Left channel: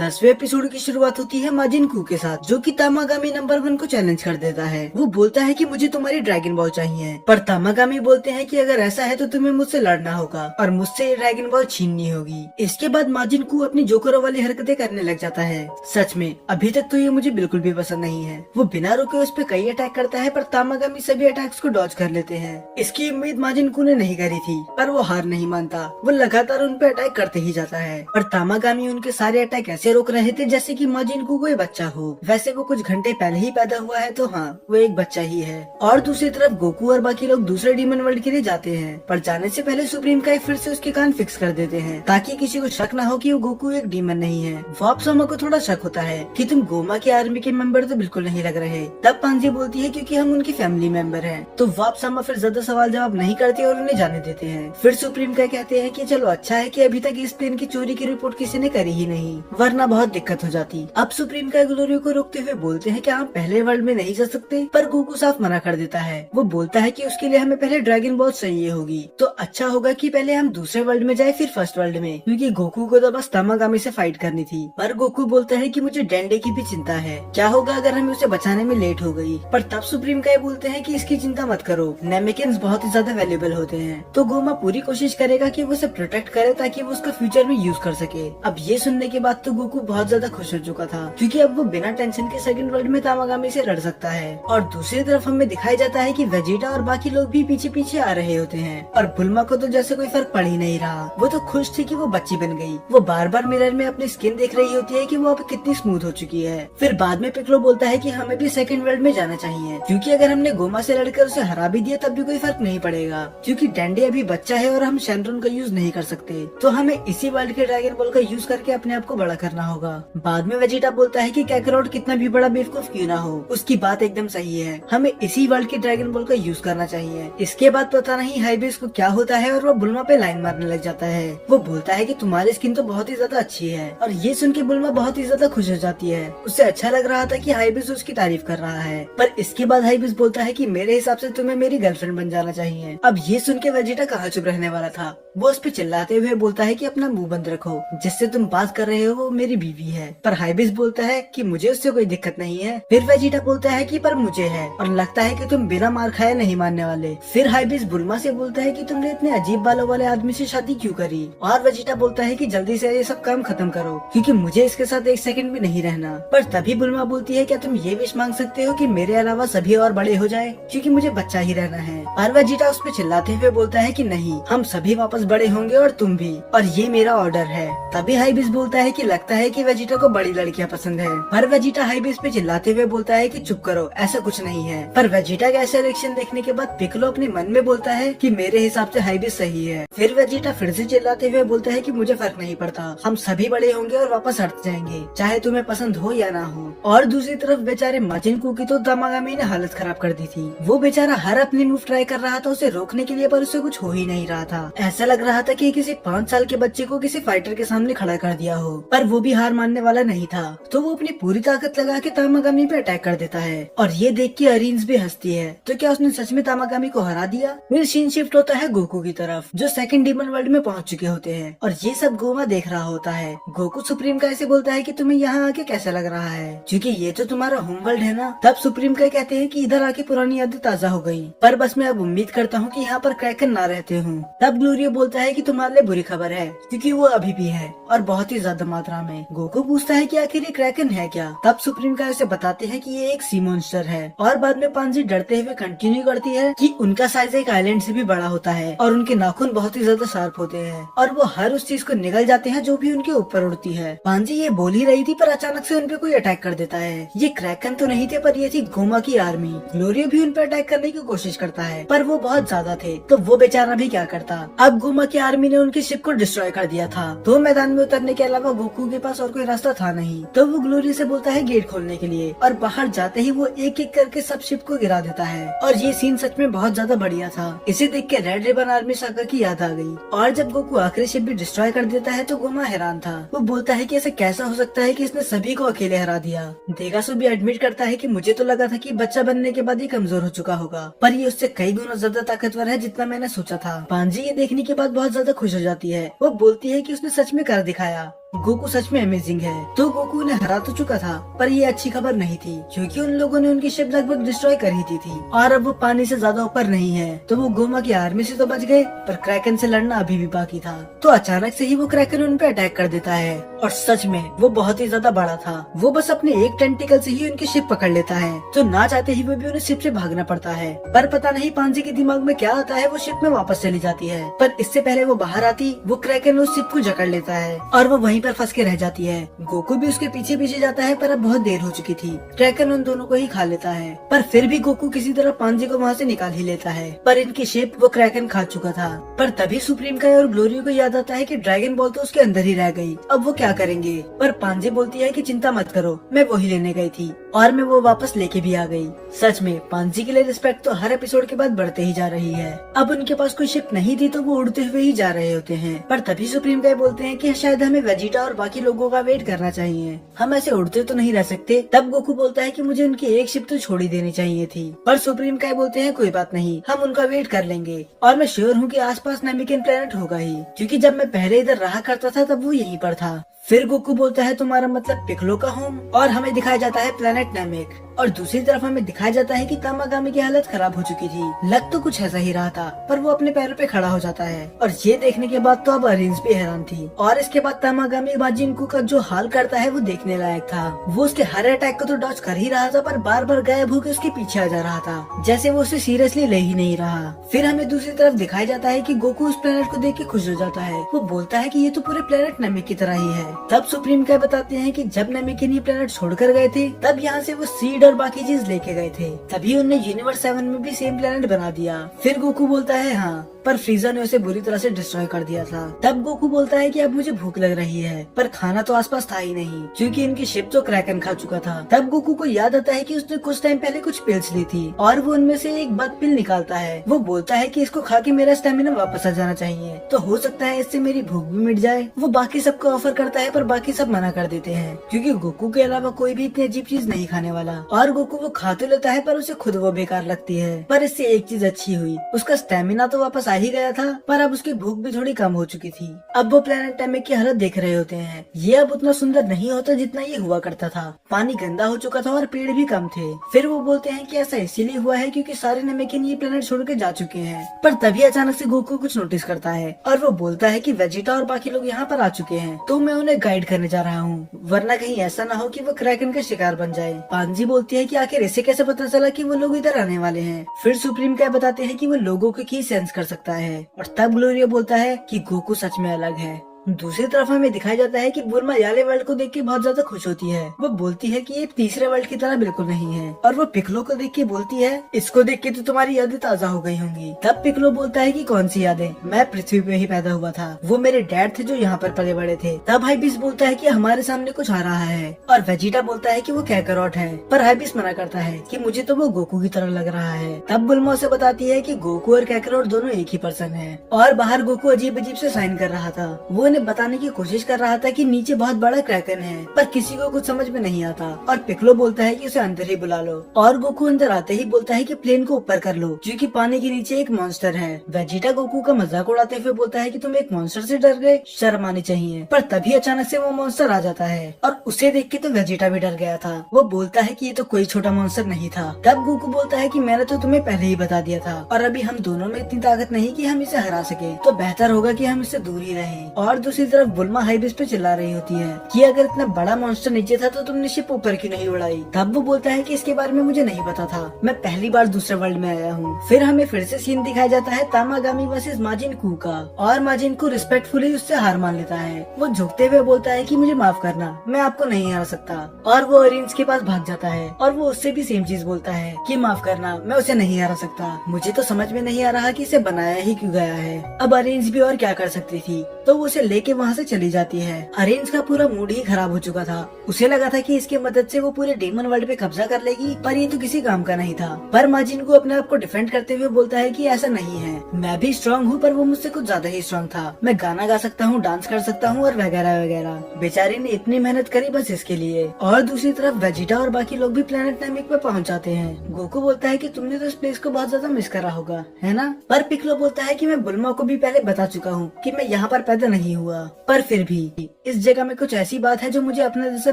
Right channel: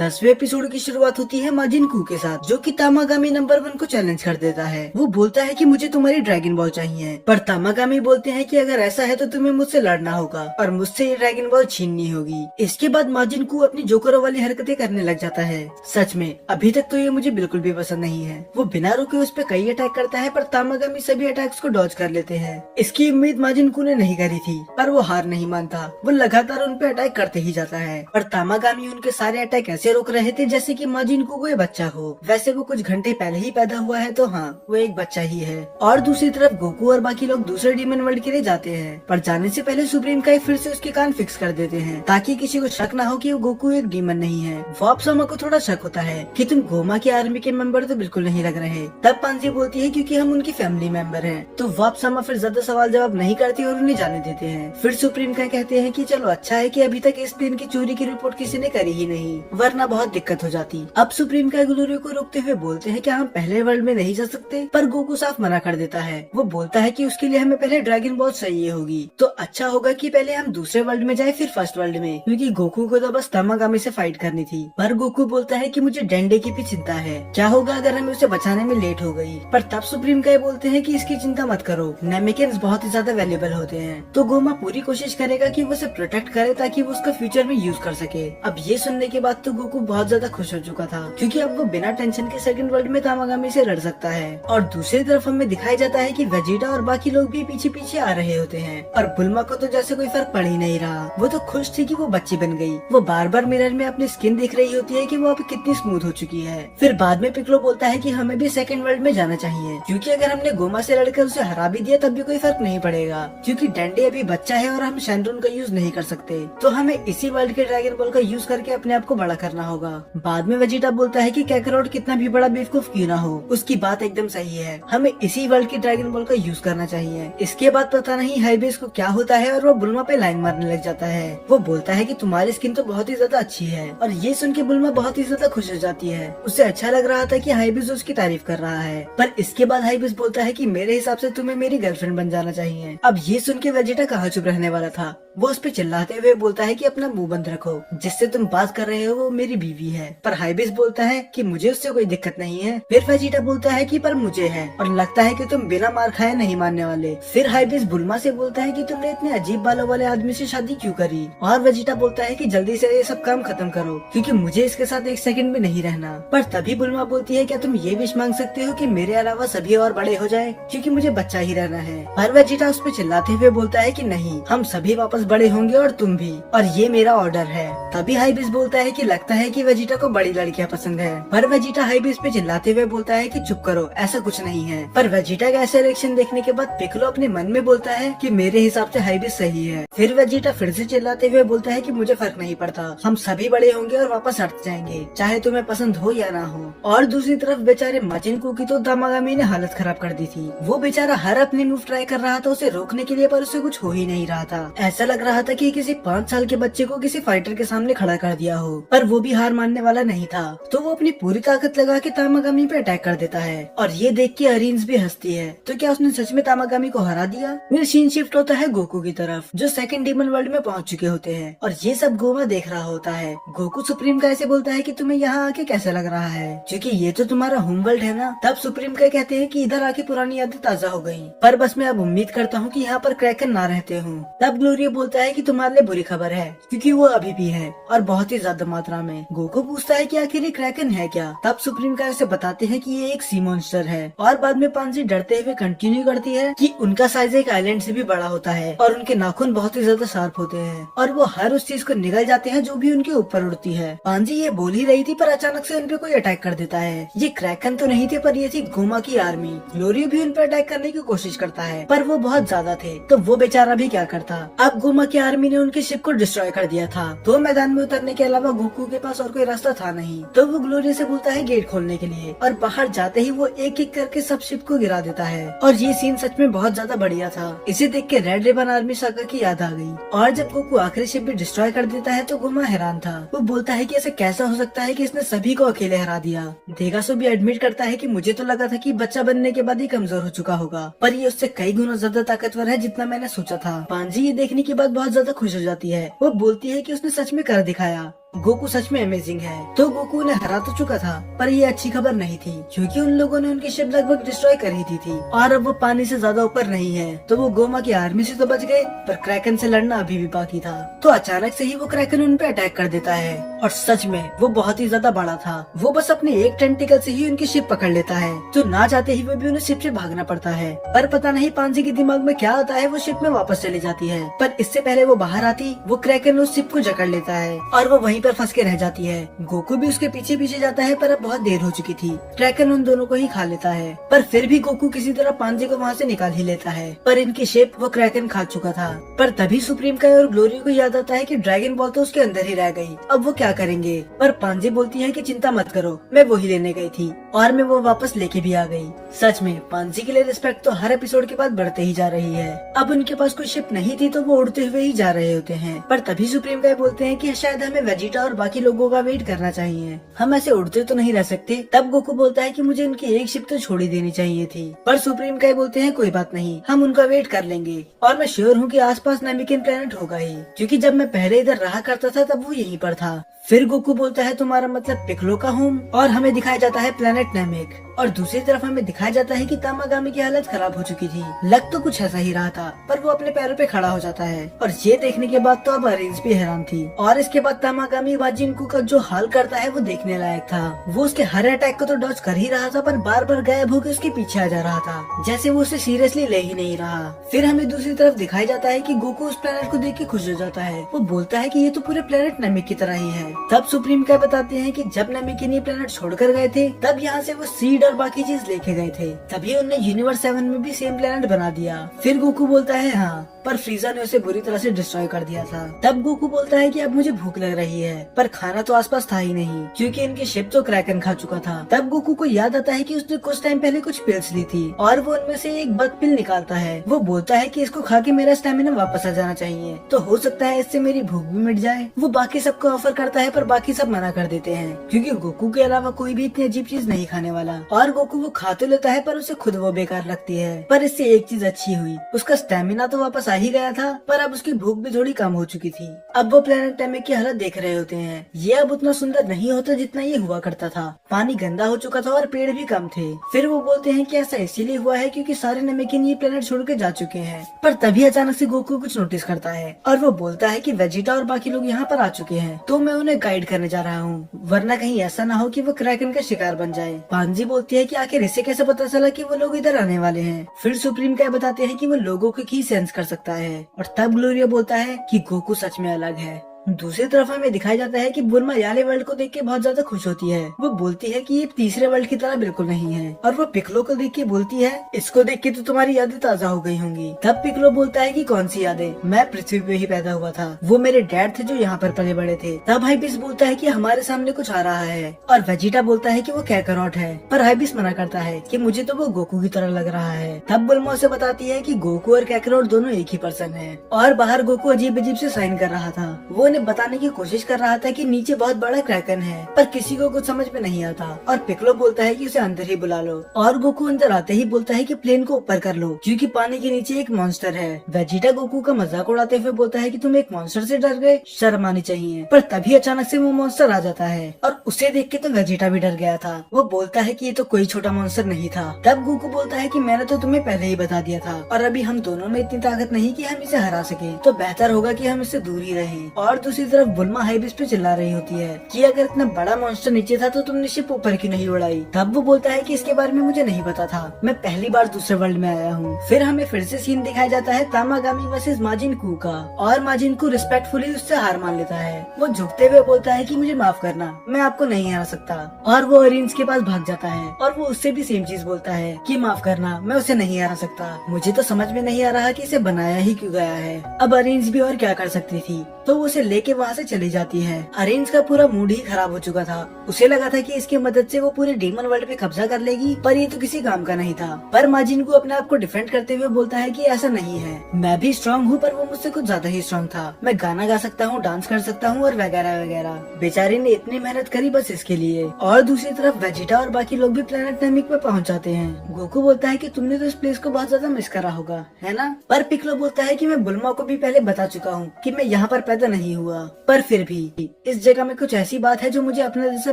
10वें एपिसोड की शुरुआत होती है माजिन कू के साथ, जो कि तामागामी नंबर 1 को चैलेंज कर देता है। वो बोलता है कि मुझे तुम्हारी ड्रैगन बॉल चाहिए, पर तामागामी बोलते हैं कि अगर ऐसा है तो तुम्हें मुझसे लड़ना होगा और मुझसे ये ड्रैगन बॉल छीननी होगी। इसके बाद माजिन कू अपनी जोकरों वाली हरकतें करने लग जाता है। सच में अभी तक तो ये मुझे बिल्कुल भी पसंद नहीं है। वो बिना रुके उस पर कई अटैक करता है, पर तामागामी सभी अटैक्स को डॉज कर लेते हैं। इसकी उम्मीद माजिन कू ने नहीं करी थी, पर वो हार नहीं मानता। वो लगातार उन पे अटैक करते ही जाता है और तामागामी उनके सारे अटैक ऐसे रोक रहे थे जैसे कि माजिन कू कोई बच्चा हो। वैसे वो कुछ घंटे पहले ही पैदा हुआ है, तो हाँ, वो एक बच्चा ही है। और दूसरी तरफ गोकू और बाकी लोग दूसरे डीमन वर्ल्ड के लिए जाते हैं, पर जाने से पहले सुप्रीम काई फिर से उसके कान फिक्स कर देते हैं ताकि किसी को शक न हो कि वो गोकू एक डीमन नहीं है। वापसामा को थोड़ा शक होता है कि तुम गोमा की आर्मी के मेंबर तो बिल्कुल नहीं लग रहे। तब पांजी बोलती है क्योंकि हम उनकी फैमिली मेंबर हैं। तो वापसामा फिर ज्यादा सवाल जवाब नहीं करती और उन्हें जाने देते हैं। फिर सुप्रीम काई कहते हैं कि चलो अच्छा है कि अभी तक इस पेन की चोरी की रिपोर्ट किसी ने करी ही नहीं, वरना बहुत दिक्कत हो जाती। अब सुप्रीम काई ग्लोरियो को रोकते हुए बोलते हैं कि हम पहले वर्ल्ड में नहीं जा सकते, पर गोकू साफ मना कर देता है। वो बोलता है कि उसके लिए हमें पहले ड्रैगन बॉल चाहिए होगी, तो अच्छा होगा कि पहले हम दूसरे वर्ल्ड में जाए फिर फर्स्ट वर्ल्ड में, क्योंकि गोकू को तो बस तामागामी से फाइट करनी थी। पर गोकू बोलता है कि मुझे डेंडे की भी चिंता है, क्या होगा अगर हमें उसे बचाने में लेट हो गई। पर तब सुप्रीम काई बोलते हैं कि इसकी चिंता मत करो, नेमेकिन्स बहुत ही ज्यादा वैल्यूएबल होते हैं, तो गोमा पूरी कोशिश करेगा कि वो उसे प्रोटेक्ट करे ताकि वो उसका फ्यूचर में यूज कर सके। अब ये सुनने के बाद तो गोकू बहुत ज्यादा खुश हो चुका था, क्योंकि अब वो बिना टेंशन के सेकंड वर्ल्ड में तामागामी से लड़ सकता है। और दूसरी तरफ हमें दिखाई जाता है कि वेजिटा और बाकी लोग भी पीछे पीछे आ रहे होते हैं, और बुल्मा को तो जैसे कोई फर्क पड़ ही नहीं रहा। वो तो खुश थी कि वो बच्ची बन गई। वो बार बार मिरर में अपनी स्किन देख रही होती है कि वो अब कितनी स्मूथ हो चुकी है। फिर बाद में पिक्लो बोलता है कि हमें भी सेकंड वर्ल्ड में जाना चाहिए, क्योंकि अगर हमने गोमा से लड़कर उसे हरा भी दिया तब भी कोई फर्क नहीं पड़ेगा, क्योंकि डंडे अभी बच्चा है और हम शैनरॉन का यूज नहीं कर सकते। तो हमें इसी वर्ल्ड के ड्रैगन बॉल का यूज करके अपने आप को बड़ा करना होगा। बाद में वेजिटा बोलता है कि कैकरोट कितना भी बड़ा बेवकूफ क्यों ना हो, उसकी बात एकदम सही है, हमें इसी वर्ल्ड के ड्रैगन बॉल का यूज करना चाहिए। इसके बाद पता नहीं हाइबिस को क्या होता है और वो बुल्मा पे लाइन मारने लग जाता है। वो बोलता है कि तुम्हारी स्किन तो बहुत ही ज्यादा अच्छी है, और ये सुन के बुल्मा बहुत ही ज्यादा खुश हो जाती है। उसे अच्छा लग रहा था कि हाइबिस उसकी तारीफ कर रहा है, पर इसके बाद हाइबिस बोलता है कि मेरे हिसाब से तुम्हें मेरी गर्लफ्रेंड बन जाना चाहिए। अब ये सुन के वेजिटा कहाँ चुप रहने वाला था। वो उस पे चिल्लाते हुए बोलता है कि अपना मुंह बंद रखो, जिससे तुम बात कर रहे हो वो मेरी बीवी है। पर हाइबिस बोलता है कि मुझे उससे कोई दिक्कत नहीं है। फिर वेजिटा बोलता है कि पर मुझे है, और लगता है कि तुम बिना मार खाए नहीं मानने वाले। फिर हाइबिस बुल्मा से बोलता है कि तुमने इतने अजीब बालों वाले आदमी से शादी क्यों करी, और वेजिटा बोलता है कि जल्दी से ये सब काम खत्म करो, क्योंकि मुझे इसके साथ एक सेकंड भी नहीं रहना। पर तभी बुल्मा बोलती है क्या तुम ये विश मांग सकते हो कि मेरे अलावा सभी और बड़े हो जाए, क्योंकि मुझे बच्चा ही रहना है। पर वेजिटा उस पर चिल्लाते हुए बोलता है कि नहीं, हम सभी वापस बड़े होंगे और तुम भी, और ये मेरा ऑर्डर है। तभी हाइबिस बोलता है कि लगता है कि वेजिटा को बड़ी लड़कियां पसंद हैं। पर वेजिटा हाइबिस पे चिल्लाते हुए बोलता है कि चुप करो, ऐसा कुछ नहीं है। पर वेजिटा का ऐसा रिएक्शन देखने के बाद पिक्लो अपने मन में बोलता है कि मेरे हिसाब से हाइबिस सही है। फिर वेजिटा फिर से चिल्लाते हुए बोलता है कि मुझे फर्क नहीं पड़ता, हम सभी बड़े होंगे और वापस हट जाएंगे, चाहे तुम्हें पसंद हो या ना हो। और दूसरी तरफ बेचारे माजिन कू की तो तामागामी ने हालत खराब कर दी थी। वो बेचारा हर अपनी मूव ट्राई कर रहा था उसे रोकने के लिए, पर उसे कुछ हो ही नहीं रहा था। ऐसा लग रहा था कि किसी 5 साल के बच्चे को किसी फाइटर के सामने खड़ा कर दिया हो, पर वो भी हार मानने वाला नहीं था। तो वो अपनी पूरी ताकत लगा के तामागामी पे अटैक कर देता है, और ये देख के अरीन्स भी हंसती है। तो क्या उसने सच में तामागामी को हरा दिया? फिर सीन शिफ्ट होता है गोकू की तरफ, जो सेकंड डीमन वर्ल्ड में पहुंच चुके होते हैं, और ये सब गोमा देख रहा होता है। गोकू सुप्रीम काई से बोलता है कि तुम्हें यहाँ आके कैसा लग रहा है, क्योंकि ये तो तुम्हारा होम वर्ल्ड है ना। तब सुप्रीम काई कहते हैं कि इधर आके पुरानी यादें ताजा हो गई, पर बस मैं अब उम्मीद करता हूँ कि यहाँ पर क्रैकन ना रहते हूँ। तब ग्लोरियो बोलता है कि तुम्हारे लिए बुरी खबर है, क्योंकि वो अभी भी है, और बहुत ही ज्यादा मात्रा में। गोकू पूछता है कि आखिर ये क्रैकन है क्या। तब सुप्रीम काई से बताते हैं कि ये एक सी मॉन्स्टर है, और बाद में पांजी डरते हुए कंटिन्यू करती है कि उनका साइज एक आइलैंड से भी बड़ा होता है, और उनके नाखून बहुत ही ज्यादा शार्प होते हैं, और वो हर उस चीज को निगल जाते हैं जो भी उनके ऊपर उड़ती है। पांजी ये बोल ही रही थी, पर अचानक से उनपे कोई अटैक कर देता है। ये क्रैकन तो नहीं थे, पर ये थी गोमा की आर्मी। ग्लोरियो भी उन पर अटैक करने की कोशिश करता है, पर वो बहुत ज्यादा थे, तो वो बेचारा भी क्या करता। अब गोमा की आर्मी ने उनकी शिप को डिस्ट्रॉय कर दिया था, तो मैदान में उतरने के अलावा गोकू के पास और कोई रास्ता था नहीं। तो वो ग्लोरियो से बोलता है गेट खोलने के लिए, और बाहर जाते ही वो एक एक करके सब शिप को गिरा देता है। और ये सीन सच में बहुत ज्यादा बढ़िया था। इसे देख के रेड रिबन आर्मी सागा की याद आ गई। और जब गोकू आखिरी शिप भी डिस्ट्रॉय कर देता है तो गोमा हैरान था। वो बोलता है कि ऐसे कैसा हो सकता है कि इसने सभी को अकेले हरा दिया। देगासो भी एडमिट करता है कि मुझे तो लगा था कि बच्चा बनने के बाद ही कमजोर हो चुका होगा, पर ये उससे कई गुना ज्यादा ताकतवर है जितना मैंने सोचा था। पांजी ये देखने के बाद बहुत ज्यादा खुश हो जाती है। वो बोलती है कि उसने सच में कर दिखाया। गोकू सच में अमेजिंग है। तो गोकू उन्हें हरा तो चुका था, पर ये अच्छी खबर नहीं थी क्योंकि उन लोगों ने उनकी शिप लगभग डिस्ट्रॉय कर ही दी थी और अब वो पानी से ज्यादा ऊपर नहीं है। तो वो गोमा की आर्मी से तो बच गए, पर क्रैकन से लड़ना अभी भी बाकी था। तो अचानक से ही वो क्रैकन उन पे अटैक कर देता है और सच में वो बहुत ही ज्यादा बड़ा था। वो बस अपने एक टेंटिकल से ही उनकी शिप पकड़ लेता है, तो ना चाहते ही वो भी उन्हें शिप से भागना पड़ता है। पर पता नहीं पांजी के दिमाग में क्या आता है, वो शिप में वापस चली जाती है। पर इससे पहले वो बाहर आती, वो क्रैकन उस शिप को जकड़ लेता है और वो वहीं पर फंस के रह जाती है। गोकू भी उसके पीछे पीछे जाता है, पर अब बहुत देर हो चुकी थी। क्रैकन उन दोनों को ही खा लेता है, पर फिर भी गोकू किसी तरह पांजी को वहाँ से निकाल ही लेता है। पर इनकी शिप वो क्रैकन खा चुका था। पर तभी सुप्रीम काई और ग्लोरी को याद आता है कि ड्रैगन बॉल तो उसके अंदर ही रह गई, अब वो क्या करेंगे। पर पांजी बोलती है कि चिंता मत करो, मैं वो ही लेने गई थी और मैं वो वापस लेके भी आ गई। सच में पांजी के लिए रिस्पेक्ट तो हर एपिसोड के बाद बढ़ते ही जा रही है। अब उनके पास कोई शिप नहीं थी तो वो उड़ते हुए ही जा रहे होते हैं। पर तभी सुप्रीम काई बोलते हैं कि शायद हमें वेजिटा और बाकी लोगों का वेट करना चाहिए, हम ऐसे उड़ते तो नहीं रह सकते। तब गोकू बोलता है कि मुझे उनकी एक शिप तो छोड़ ही देनी चाहिए थी। पर सुप्रीम काई बोलते हैं कोई बात नहीं, हम उनका वेट कर लेंगे और मैं श्योर हूँ कि आसपास नामिकिन प्लेनेट होगा ही, क्योंकि जब मैं पहले इधर रहा करता था तब वो यहीं पर था। फिर गोकू बोलता है तुम्हारा मतलब पिकलो का होम, और हमें दिखाया जाता है प्लेनेट नामिक। और दूसरी तरफ हमें दिखाया जाता है कि तामागामी की हालत खराब हो चुकी थी। लग तो कुछ ऐसा ही रहा था, पर वो अपने पैरों पे खड़ा हो जाता है। और ये देखने के बाद तो अब अरेंज भी हैरान थी। और इसके बाद तामागामी माजिनको का जो हाल करता है वो देखने लायक था। वो उसके हर अटैक को तो डॉज कर ही रहा था, पर बार बार गायब होकर उसके पीछे आ जा रहा था, जैसे वो उसे सीरियसली ले ही नहीं रहा। फिर हमें दूसरी तरफ दिखाया जाता है कि गोकू उस प्लेनेट को देख के खुश हो जाता है। वो बोलता है कि ये तो पूरे प्लेनेट नामिक की तरह ही है। तब सुप्रीम काई बताते हैं कि जब नामिकिन ये प्लेनेट छोड़कर गए थे, तब यहाँ से वो सीड और बाकी चीज लेके गए थे, तभी उन्होंने यूनिवर्स 7 में भी सेम प्लेनेट बना दिया। फिर गोकू बोलता है हाँ, पर फ्रीजा ने उसे बुरी तरह से डिस्ट्रॉय कर दिया था। तब गोकू बोलता है कि अब मुझे भूख लग रही है, पर खाना तो आसपास था ही नहीं क्योंकि इनकी शिप तो क्रैकन खा चुका था। तब गोकू को याद आता है कि उसने कुछ टाइम पहले कुछ पिल्स ली थी और वो उनमें से एक बग पिल निकालता है। वो बोलता है कि इसको खा के मेरा स्टेमिना वापस आ जाना चाहिए, तो हो सकता है इससे मेरी भूख भी मिट जाए। वो बाकी सबको ऑफर करता है, पर बाकी सब मना कर देते हैं क्योंकि गोकू के अलावा कोई भी इतनी अजीब चीज नहीं खाने वाला। और गोकू वो खा तो लेता है, पर उसे खुद वो बेकार लगती है। पर इससे एक चीज अच्छी हुई, उसका स्टेमिना तो वापस आ ही गया था, पर अब उसकी भूख भी थोड़ी कम हो चुकी थी। अब वो प्लेनेट नामिक की हालत देख रहे होते हैं। ये अब उतना सुंदर नहीं होता जितना ये हुआ करता था। पानी गंदा हो चुका था और पेड़ भी कम थे। फिर वो बोलते हैं कि ऐसा इसीलिए हुआ है क्योंकि सारे नामिकिन ये प्लेनेट छोड़ के जा चुके हैं। पर तभी अचानक से गोकू कुछ नोटिस करता है और वो बोलता है कि वेजिटा और बाकी लोग यहाँ पर आ चुके हैं, तो मैं उन्हें गाइड करने जा रहा हूँ, वरना कहीं ऐसा ना हो कि वो क्रैकन का शिकार बन जाए। पांजी बोलती है कि आखिर इसे कैसे पता चला कि वो लोग इधर आने वाले हैं। फिर सुप्रीम काई बताते हैं कि वो लोगों को की सेंस कर सकता है। और तब ग्लोरिया बोलता है कि गोकू सच में अलग है। दूसरी तरफ हमें दिखाया जाता है कि बुल्मा याले वर्ल्ड को देख के बहुत ज्यादा खुश होती है। वो बोलती है कि ये तीसरे वर्ल्ड की तरह बिल्कुल नहीं है। और वो पिकलो को देख के बोलती है इसको देख के तो तुम्हारी यादें ताजा हो गई होंगी। तब पिकलो बोलता है कि कौन सी यादें, मैं पृथ्वी पे ही पैदा हुआ था, वो मेरे डैड थे जो यहाँ पर पले बड़े थे। तब हाइबिस बोलता है कि हमारे सामने कुछ आ रहा है और वेजिटा बोलता है कि वो कैकरॉट है, पर हाइबिस मना करता है कि मुझे तो वो गोकू की तरह लग रहा है। तब बुल्मा उसे बताती है कि गोकू और कैकरॉट दोनों एक ही पर्सन है। और बाहर गोकू अजीब अजीब से साइन कर रहा था। वो उन्हें बताने की कोशिश कर रहा था कि नीचे बहुत बड़ा क्रैकन है, पर किसी को कुछ समझ में नहीं आता। और पिकलो बोलता है कि उसे अंदर ही बुला लो। और गोकू अंदर आते ही बोलता है कि प्लेन को ऊपर कर लो क्योंकि पानी के नीचे एक मॉन्स्टर है। वेजिटा गोकू का मजाक उड़ाते हुए बोलता है कि तुम एक मॉन्स्टर से डर गए, शर्म आनी चाहिए। पर तभी अचानक से वो मॉन्स्टर आ जाता है और उसे देख के तो वेजिटा भी डर गया था। वो बोलता है कि ये तो कोई छोटा मॉन्स्टर नहीं था। तब गोकू बोलता है कि मैंने तो तुम्हें पहले ही बता दिया था और अभी हम दोनों में इतनी ताकत नहीं कि हम इसे हरा सके, तो बेहतर होगा कि हम इससे दूर ही रहें। और दूसरी तरफ बुल्मा हाइबिस पे चिल्ला रही होती है कि अगर इतना बड़ा मॉन्स्टर नीचे था तो तुमने शिप ऊपर क्यों नहीं उड़ाई। तब वो बोलता है कि इसके बारे में मुझे नहीं पता था, मैं पहली बार दूसरे वर्ल्ड में आया हूँ। फिर हमें फिर से सीन दिखाया जाता है तामागामी वर्सेस माजिनको का, और माजिनको रिस्पेक्टफुली उससे हार मान लेता है। वो झुकते हुए बोलता है कि मुझे माफ करना, मैं आपको नहीं हरा सकता। और वो अरेंज के पास भाग जाता है और वो उससे भी सेम चीज बोलता है कि माफ करना, मैं उसे नहीं हरा सकता। मुझे तो समझ में नहीं आ रहा कि इसे बनाया ही क्यों गया है। अब अरेंज भी और क्या कर सकती थी, तो वो उसे लेके वहाँ से चली जाती है। अरेंज का पूरा मूड ही खराब हो चुका था। उसे लगा था कि इसकी मदद से वो पूरे डीमन वर्ल्ड पे कब्जा कर लेगी, पर ये तो किसी काम का नहीं था। पर माजिनको अपने आप को डिफेंड करते हुए बोलता है कि ऐसा नहीं है, मैं भी स्ट्रांग हूँ, पर वो मुझसे कुछ ज्यादा ही स्ट्रांग था। मैं गाना गा सकता हूँ, डांस कर सकता हूँ और वगैरह वगैरह। बेचारी ने इतनी मेहनत करी बस इसके लिए। और दूसरी तरफ वेजिटा और बाकी लोग भी प्लेनेट नामिक पे पहुँच जाते हैं। गोकू बोलता है कि तुमने तो इस प्लेस को बहुत ज्यादा मिस करा होगा, है ना? पर पिकलो बोलता है कि मैं बुल्मा को भी पहले बता चुका हूँ कि मैं यहाँ पर पैदा नहीं हुआ, पर फिर भी इस जगह में कुछ ऐसी बात है जो मुझे अपने जैसा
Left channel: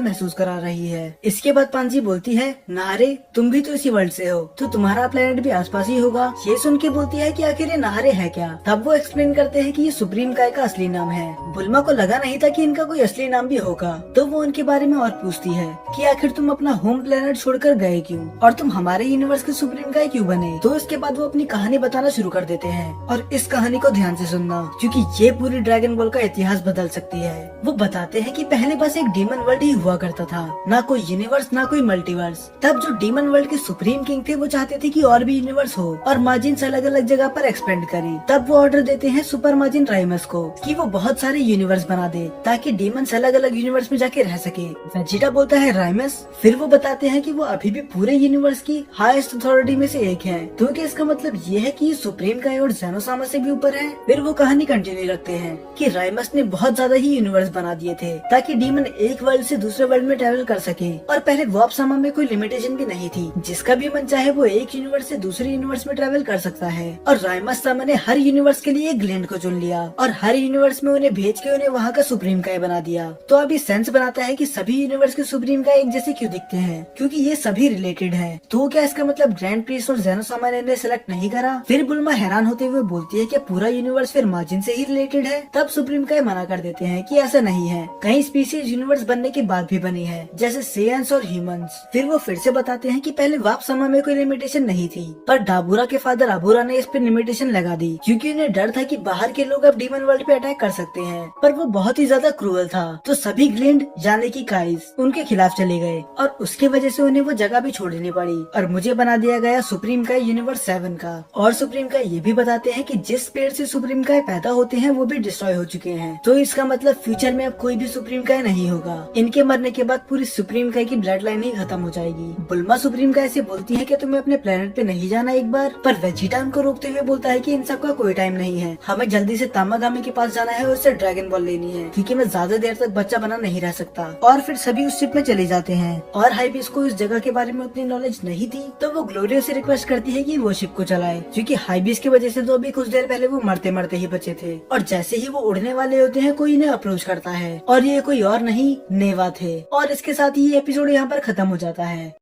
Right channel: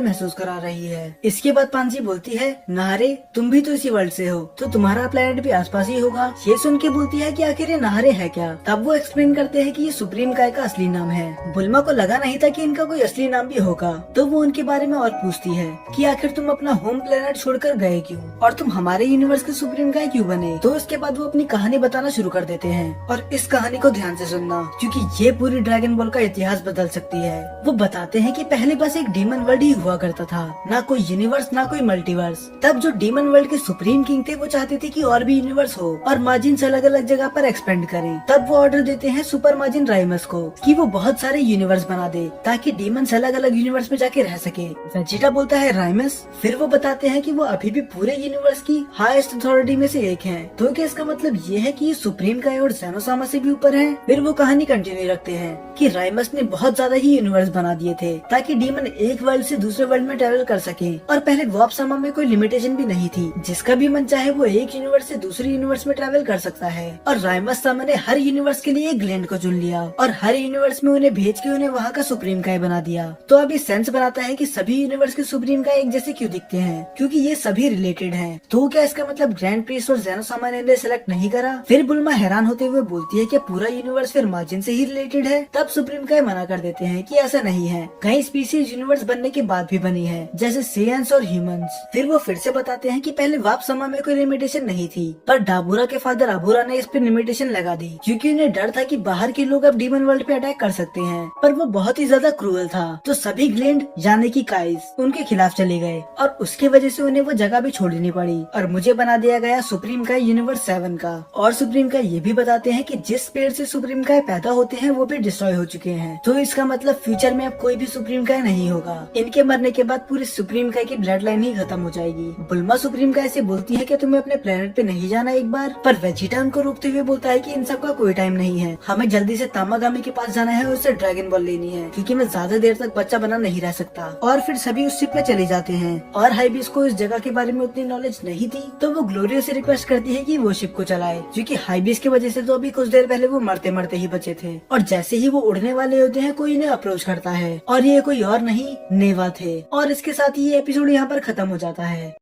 महसूस करा रही है। इसके बाद पांजी बोलती है, नाहरे तुम भी तो इसी वर्ल्ड से हो, तो तुम्हारा प्लेनेट भी आसपास ही होगा। ये सुन के बोलती है कि आखिर ये नाहरे है क्या। तब वो एक्सप्लेन करते हैं कि ये सुप्रीम काय का असली नाम है। बुल्मा को लगा नहीं था कि इनका कोई असली नाम भी होगा, तो वो उनके बारे में और पूछती है कि आखिर तुम अपना होम प्लेनेट छोड़कर गए क्यों, और तुम हमारे यूनिवर्स के सुप्रीम काय क्यों बने। तो इसके बाद वो अपनी कहानी बताना शुरू कर देते हैं, और इस कहानी को ध्यान से सुनना क्योंकि ये पूरी ड्रैगन बॉल का इतिहास बदल सकती है। वो बताते हैं कि पहले बस एक डीमन वर्ल्ड ही हुआ करता था, ना कोई यूनिवर्स ना कोई मल्टीवर्स। तब जो डीमन वर्ल्ड के सुप्रीम किंग थे वो चाहते थे कि और भी यूनिवर्स हो और माजिन्स अलग अलग जगह पर एक्सपेंड करें। तब वो ऑर्डर देते हैं सुपर माजिन राइमस को कि वो बहुत सारे यूनिवर्स बना दे ताकि डीमंस अलग अलग यूनिवर्स में जाके रह सके। वेजिटा बोलता है राइमस। फिर वो बताते हैं कि वो अभी भी पूरे यूनिवर्स की हाईएस्ट अथॉरिटी में से एक है, क्योंकि इसका मतलब ये है कि ये सुप्रीम गाय और ज़ेनोसामा से भी ऊपर है। फिर वो कहानी कंटिन्यू रखते हैं कि राइमस ने बहुत ज्यादा ही यूनिवर्स बना दिए थे ताकि डीमन एक वर्ल्ड से दूसरे वर्ल्ड में ट्रैवल कर सके, और पहले वापसामा में कोई लिमिटेशन भी नहीं थी। जिसका भी मन चाहे वो एक यूनिवर्स से दूसरे यूनिवर्स में ट्रैवल कर सकता है। और राइमस सामा ने हर यूनिवर्स के लिए एक लैंड को चुन लिया और हर यूनिवर्स में उन्हें भेज के उन्हें वहाँ का सुप्रीम काय बना दिया। तो अब ये सेंस बनाता है कि सभी यूनिवर्स के सुप्रीम काय एक जैसे क्यों दिखते हैं, क्योंकि ये सभी रिलेटेड है। तो क्या इसका मतलब ग्रैंड प्रिंस और ज़ेनोसामा ने इन्हें सेलेक्ट नहीं करा। फिर बुल्मा हैरान होते हुए बोलती है कि पूरा यूनिवर्स फिर मार्जिन से ही रिलेटेड है। तब सुप्रीम काय मना कर देते हैं कि ऐसा नहीं है, कई स्पीसीज यूनिवर्स बनने के बाद भी बनी है, जैसे सेयंस और ह्यूमंस। फिर वो फिर से बताते हैं कि पहले वापसामा में कोई लिमिटेशन नहीं थी, पर डाबूरा के फादर अबूरा ने इस पर लिमिटेशन लगा दी, क्योंकि उन्हें डर था कि बाहर के लोग अब डीमन वर्ल्ड पे अटैक कर सकते हैं। पर वो बहुत ही ज्यादा क्रूअल था, तो सभी ग्लिंड यानी कि काइस उनके खिलाफ चले गए और उसके वजह से उन्हें वो जगह भी छोड़नी पड़ी और मुझे बना दिया गया सुप्रीम काय यूनिवर्स 7 का। और सुप्रीम काय ये भी बताते हैं कि जिस पेड़ से सुप्रीम काय पैदा होते हैं वो भी डिस्ट्रॉय हो चुके हैं, तो इसका मतलब फ्यूचर में अब कोई भी सुप्रीम काय नहीं होगा। इनके मरने के बाद पूरी सुप्रीम काय की ब्लड लाइन ही खत्म हो जाएगी। बुल्मा सुप्रीम काय से बोलती है कि तुम्हें अपने प्लेनेट पे नहीं जाना एक बार, पर वेजिटा उनको रोकते हुए बोलता है कि इन सब का कोई टाइम नहीं है, हमें जल्दी से तामागामी के पास जाना है और उससे ड्रैगन बॉल लेनी है, क्योंकि मैं ज्यादा देर तक बच्चा बना नहीं रह सकता। और फिर सभी उस शिप में चले जाते हैं और हाइबिस को इस जगह के बारे में उतनी नॉलेज नहीं थी, तो वो ग्लोरियो से रिक्वेस्ट करती है कि वो शिप को चलाए, क्योंकि हाइबिस की वजह से तो अभी कुछ देर पहले वो मरते मरते ही बचे थे। और जैसे ही वो उड़ने वाले होते हैं कोई इन्हें अप्रोच करता है और ये कोई और नहीं नेवा थे। और इसके साथ ही ये एपिसोड यहाँ पर खत्म हो जाता है।